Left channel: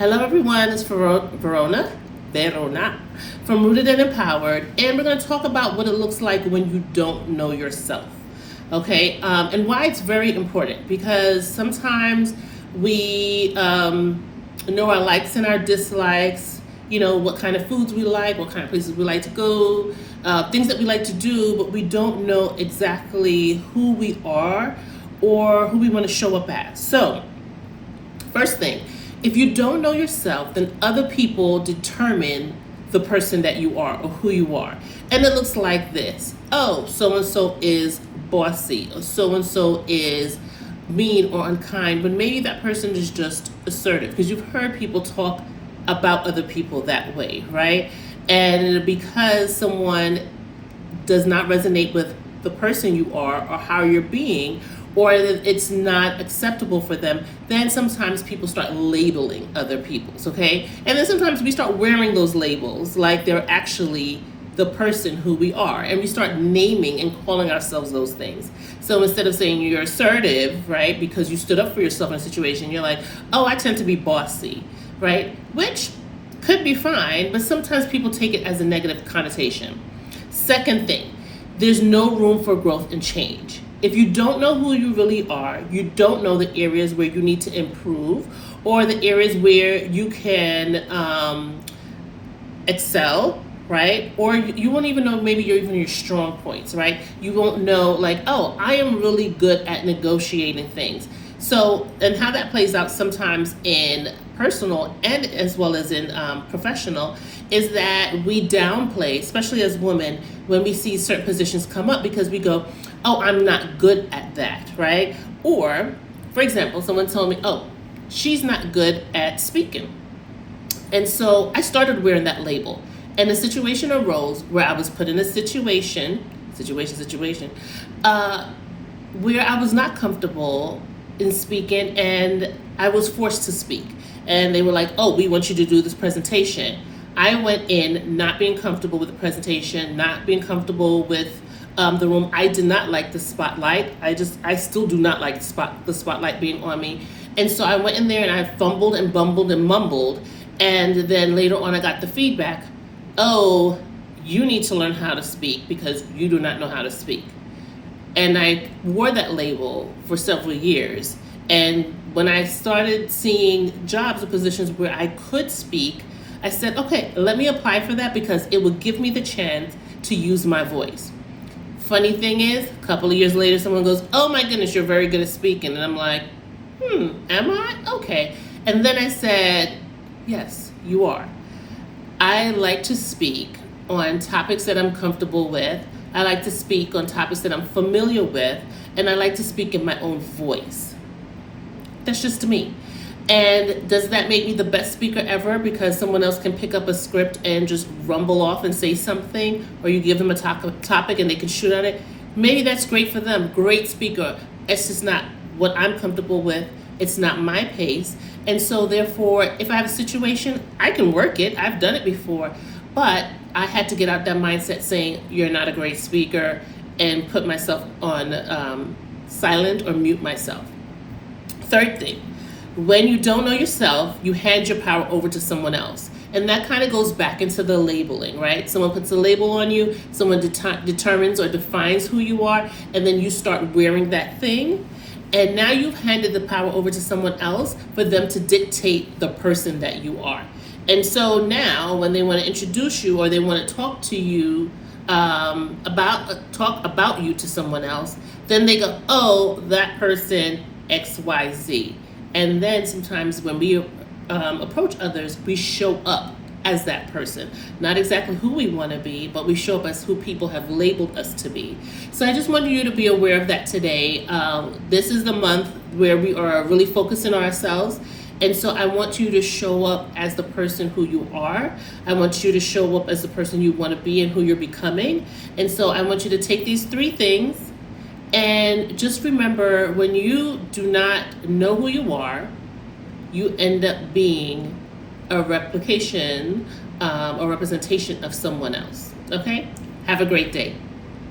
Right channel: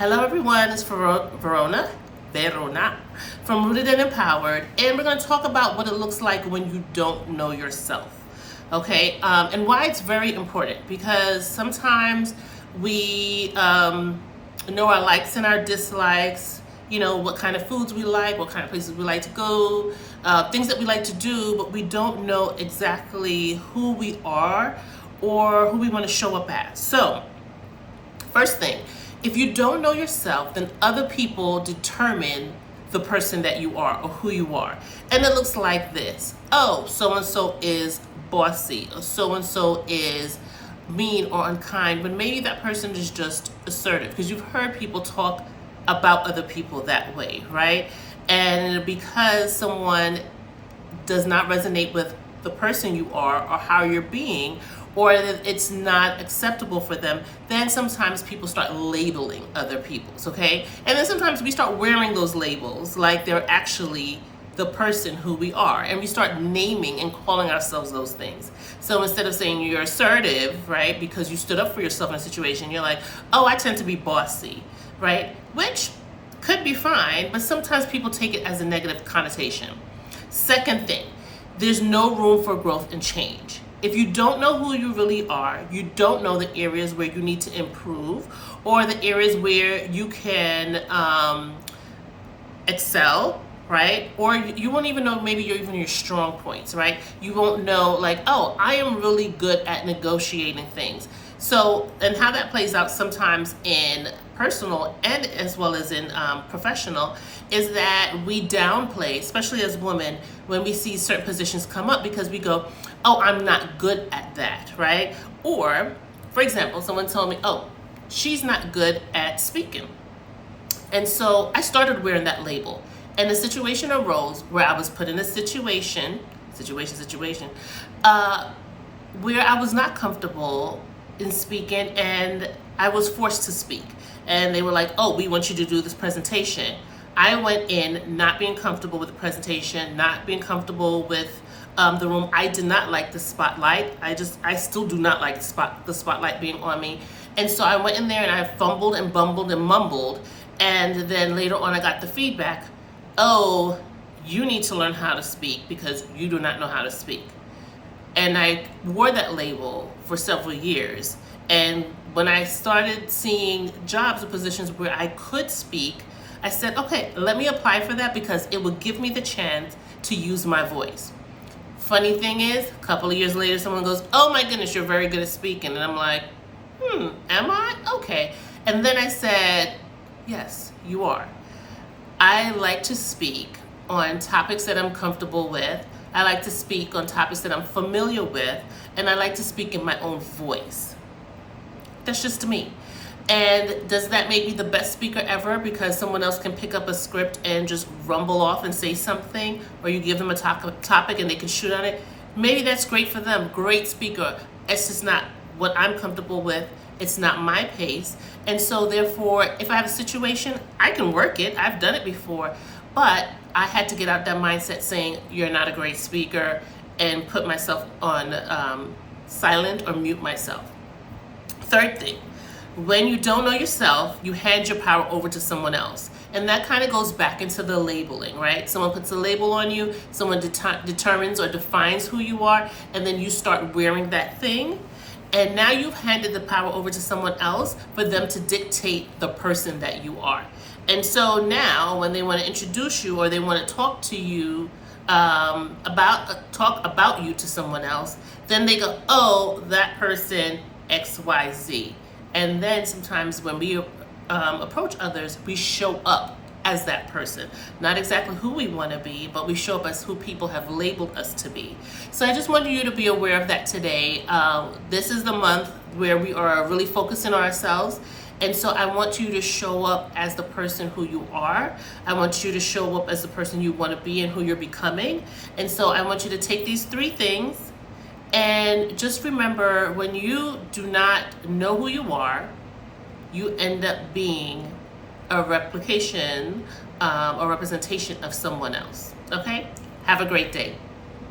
Hello everyone, it's Verona from Rooted and Empowered, and we're going to talk about what it looks like when you don't know yourself. Okay, and why it's very important, because sometimes we know our likes and our dislikes, what kind of foods we like, what kind of places we like to go, things that we like to do, but we don't know exactly who we are or who we want to show up as. So, first thing, if you don't know yourself, then other people determine the person that you are or who you are. And it looks like this. Oh, so-and-so is bossy, or so-and-so is mean or unkind, but maybe that person is just assertive, because you've heard people talk about other people that way, right? And because someone does not resonate with the person you are or how you're being, or that it's not acceptable for them, then sometimes people start labeling other people's, okay? And then sometimes we start wearing those labels like they're actually the person who we are, and we start naming and calling ourselves those things. So instead of saying you're assertive, right, because you stood up for yourself in a situation, you're like, oh, I tend to be bossy, right? Which could be fine, but sometimes people take it as a negative connotation. Second thing, there's no room for growth and change. If you don't know who you really are, you don't know the areas where you need to improve, or the areas where you can excel, right? Or you won't even know maybe your strong points, right? You won't know, like, oh, I am really good at negotiating things. So, and how that plays out sometimes in personal and as well as in professional, is that we downplay, especially as women, when we see certain positions come up, because we go, oh, I'm not good at that, right? Or, for example, someone told me, oh, she's not good at speaking. And so I started wearing that label. And a situation arose where I was put in a situation, where I was not comfortable in speaking, and I was forced to speak. And they were like, oh, we want you to do this presentation. I went in not being comfortable with the presentation, not being comfortable with the room. I did not like the spotlight. I still do not like the spotlight being on me. And so I went in there and I fumbled and bumbled and mumbled. And then later on I got the feedback, oh, you need to learn how to speak because you do not know how to speak. And I wore that label for several years. And when I started seeing jobs or positions where I could speak, I said, okay, let me apply for that because it would give me the chance to use my voice. Funny thing is, a couple of years later, someone goes, oh my goodness, you're very good at speaking. And I'm like, am I? Okay. And then I said, yes, you are. I like to speak on topics that I'm comfortable with. I like to speak on topics that I'm familiar with, and I like to speak in my own voice. That's just me. And does that make me the best speaker ever because someone else can pick up a script and just rumble off and say something, or you give them a topic and they can shoot on it? Maybe that's great for them, great speaker. It's just not what I'm comfortable with. It's not my pace. And so therefore, if I have a situation, I can work it. I've done it before, but I had to get out that mindset saying, you're not a great speaker, and put myself on silent or mute myself. Third thing, when you don't know yourself, you hand your power over to someone else. And that kind of goes back into the labeling, right? Someone puts a label on you, someone determines or defines who you are, and then you start wearing that thing. And now you've handed the power over to someone else for them to dictate the person that you are. And so now when they want to introduce you or they want to talk to you talk about you to someone else, then they go, oh, that person XYZ. And then sometimes when we approach others, we show up as that person. Not exactly who we want to be, but we show up as who people have labeled us to be. So I just wanted you to be aware of that today. This is the month where we are really focusing on ourselves. And so I want you to show up as the person who you are. I want you to show up as the person you want to be and who you're becoming. And so I want you to take these 3 things and just remember, when you do not know who you are, you end up being a replication or representation of someone else. Okay? Have a great day.